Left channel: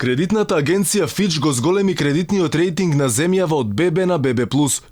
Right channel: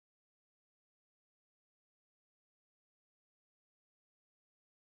Кредитната агенција Фич го зголеми кредитниот рейтинг на земјава од ББ на ББ+,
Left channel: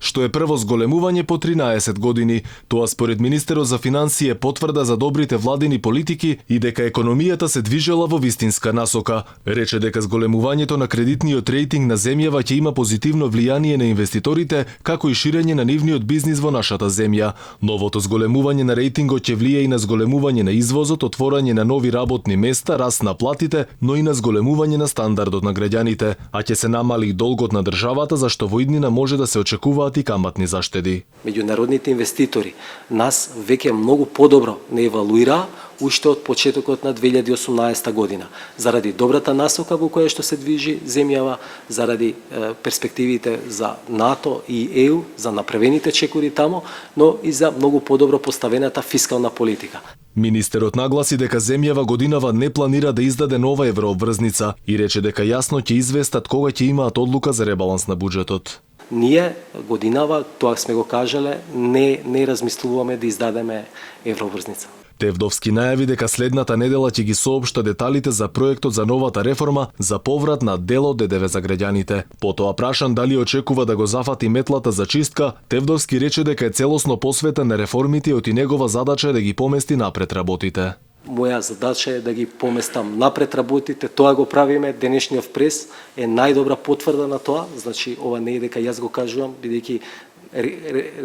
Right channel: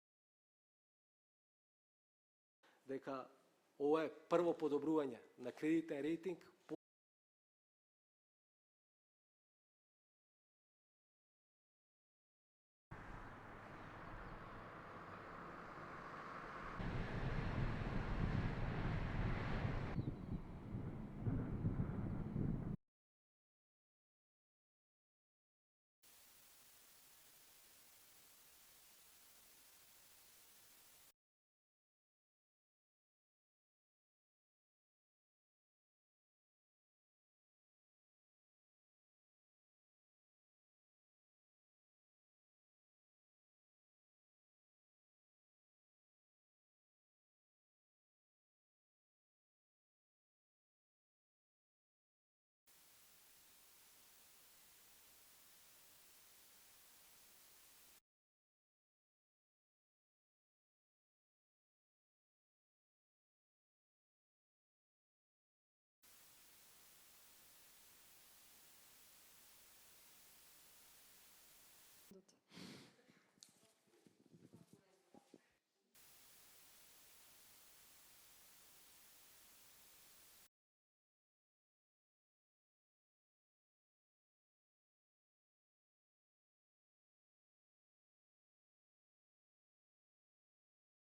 што е прво зголемување по 13 години. Тоа според министерот за финансии потврда за добрите владини политики и дека економијата се движела во вистинска насока. Рече дека зголемувањето на кредитниот рейтинг на земјава ќе има позитивно влијание на инвеститорите, како и ширење на нивниот бизнис во нашата земја. Новото зголемување на рейтингот ќе влие и на зголемување на извозот, отворање на нови работни места, раст на платите, но и на зголемување на стандардот на граѓаните, а ќе се намали и долгот на државата, зашто во иднина може да се очекуваат и каматни заштеди. Меѓународните инвеститори нас веќе многу подобро не евалуираа уште од почетокот на 2018 година, заради добрата насока во која што се движи земјава, заради перспективите за НАТО и ЕУ, за направените чекори тамо, но и за многу подобро поставената фискална политика. Министерот нагласи дека земјава годинава не планира да издаде нова еврообврзница и рече дека јасно ќе известат кога ќе имаат одлука за ребаланс на буџетот. Ние годинава, тоа сме го кажале, не размислуваме да издадеме еврообврзница. Тевдовски најави дека следната недела ќе ги соопшта деталите за проектот за новата реформа за поврат на дел од ДДВ за граѓаните. Потоа прашан дали очекува да го зафати метлата за чистка, Тевдовски рече дека е целосно посветен на реформите и негова задача е да ги помести напред работите. Моја задача е да ги поместам напред работите, тоа го правиме, денешниот прес е најдобра потврда на тоа, значи ова не е дека јас го кажувам, бидејќи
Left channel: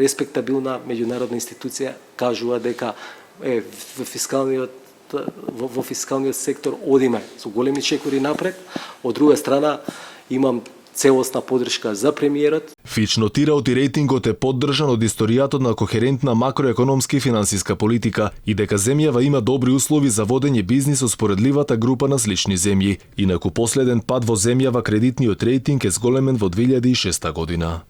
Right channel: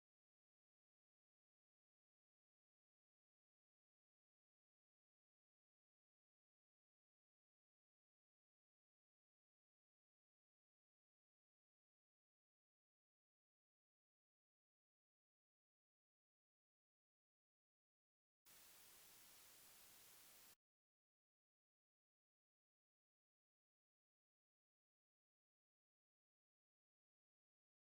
респектабилна меѓународна институција кажува дека во фискалниот сектор одиме со големи чекори напред. Од друга страна имам целосна поддршка за премиерот. Фич нотира и рейтингот е поддржан од историјатот на кохерентна макроекономска и финансиска политика и дека земјава има добри услови за водење бизнис со споредливата група на слични земји. Инаку последен пат во земјава кредитниот рейтинг е зголемен во 2006 година.